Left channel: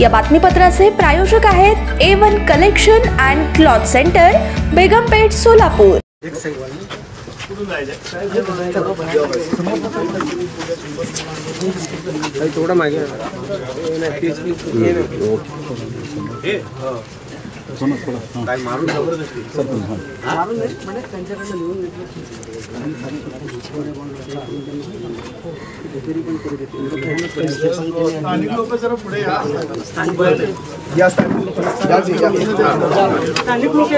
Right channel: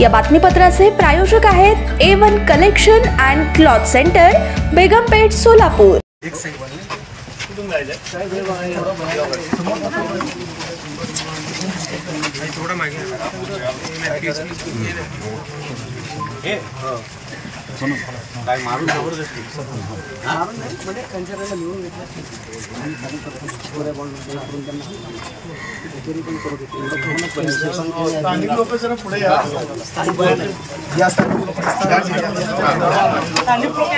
या बातमीपत्राचे प्रायोजक आहेत A1 collection and cloth centre, Begumpeth, Solapur. थोड़ा मागे काय मारून जबरदस्ती म्हणजे त्यांच्याकडे लिहून स्थानिक लोक जरा पुढे या स्थानिक लोक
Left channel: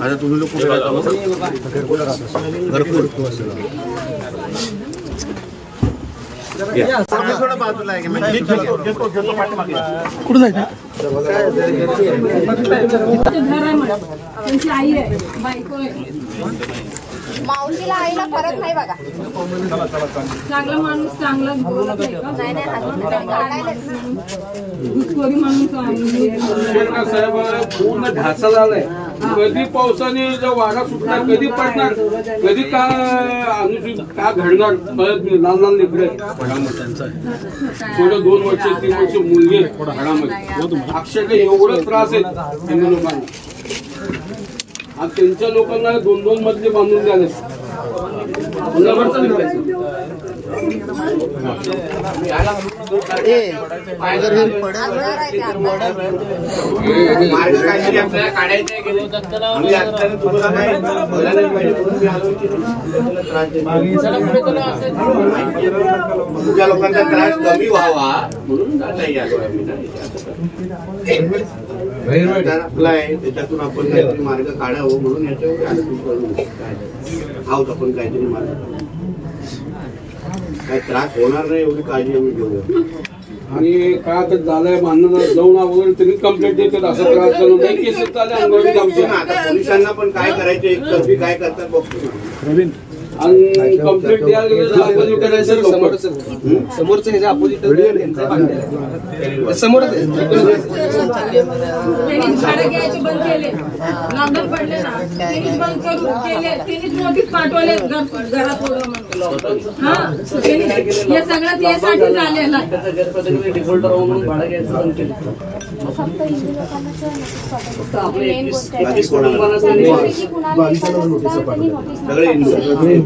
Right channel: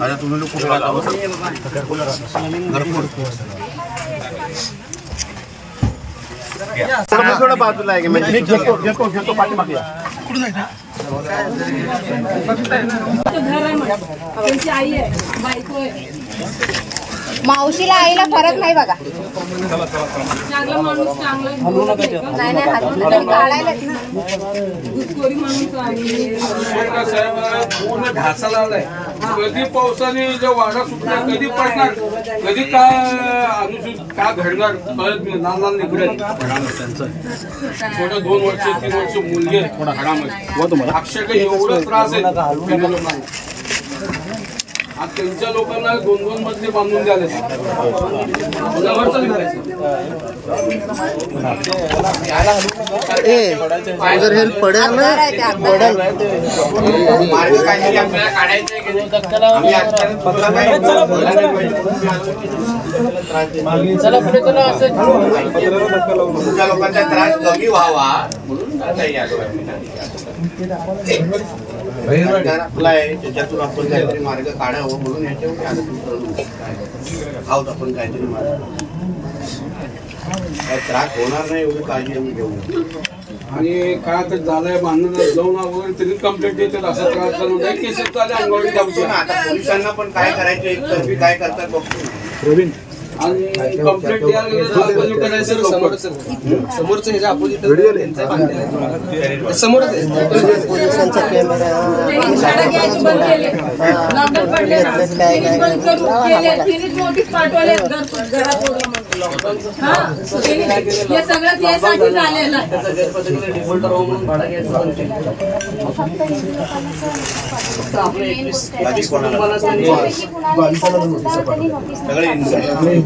आता तुम्ही लोक कुठे थोडं बाजूला आहे कुठून जायचं आई आहे, बायको आहे, मावशीला आईला फरक नाही बघा। चांगला माणूस चांगला बोलत नाही घुसखोरी म्हणून पूर्ण ढासा झालाय। कधी पावसाने जो वारा सुटणार, कधी पडणार, कधी काय अनुचित काय घडणार कळत नाही। लहान लहान निघडे थोडं 2 वर्ष 3 वर्ष मुलगे घरामध्ये अक्षरशः एवढं त्रास आहे त्यांना लोकांना। आज त्यांच्या लोकांना 2-2 मजले बांधून झाले। तुमच्या लोकांचा त्रास कमी व्हावा म्हणून आपला आहे, त्याच्यातून आपण काहीतरी मार्ग काढावं म्हणून याच्यावर आहोत आपण काहीतरी मार्ग। काय त्रास होणार नाही एवढी काळजी आम्ही घेऊया। आणि काय तर झालंय बांधणं जाऊन वगैरे तरी कंप्लेंट देतात, असा त्रास करून नाही केसेस चालले अंगवाडी जाऊचे ना। आता पोलिसांना पण काय करायचं एकतर्फी काय करतात बघतो ना। आणि कंप्लेंट द्यायला समोरचं ह्याच्या अपोजिट समोरच झाडं घ्यायचे बंद केले, लॉकडाऊन पडले ना, त्यांनीच बंद करू केले, त्यांनीच नोटीस पाठवले घरात हे सगळं त्यासाठी झालेलं आहे। डिफॉल्टर हो म्हणून भाडं घ्यायचं बंद केलं। फक्त हिंदू लोकांना फक्त आपले त्यांनी नोटीस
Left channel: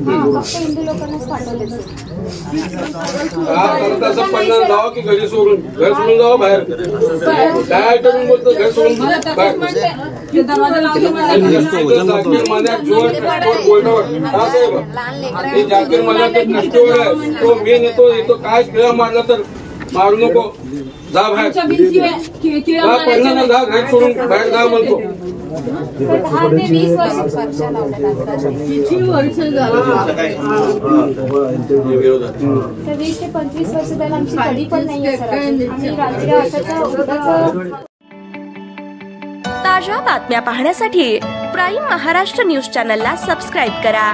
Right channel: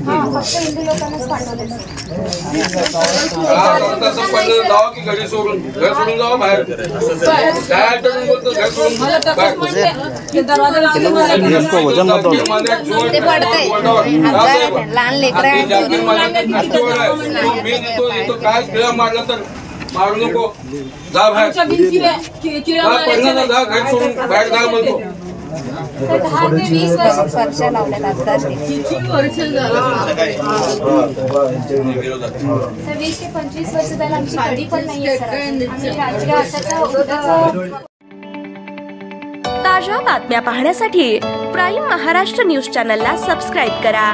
फक्त हिंदू लोकांनाच पाठवले। जावं की घरी सोडून घर सोडून जावं बाहेर काय करून बोलतो घर सोडून काय खेळ मारला तर मारू नको, जा बाहेर जा घर सोडून बाहेर जा म्हणतो। 10 ते 20 वर्ष तर 20 ते 25 वर्ष झालं आमची कधी पण नाहीये सर। आम्ही राजकीय अशाचं ताज्या बातम्या पाहण्यासाठी प्राईम महाराष्ट्र न्यूज चॅनलला सबस्क्राईब करा।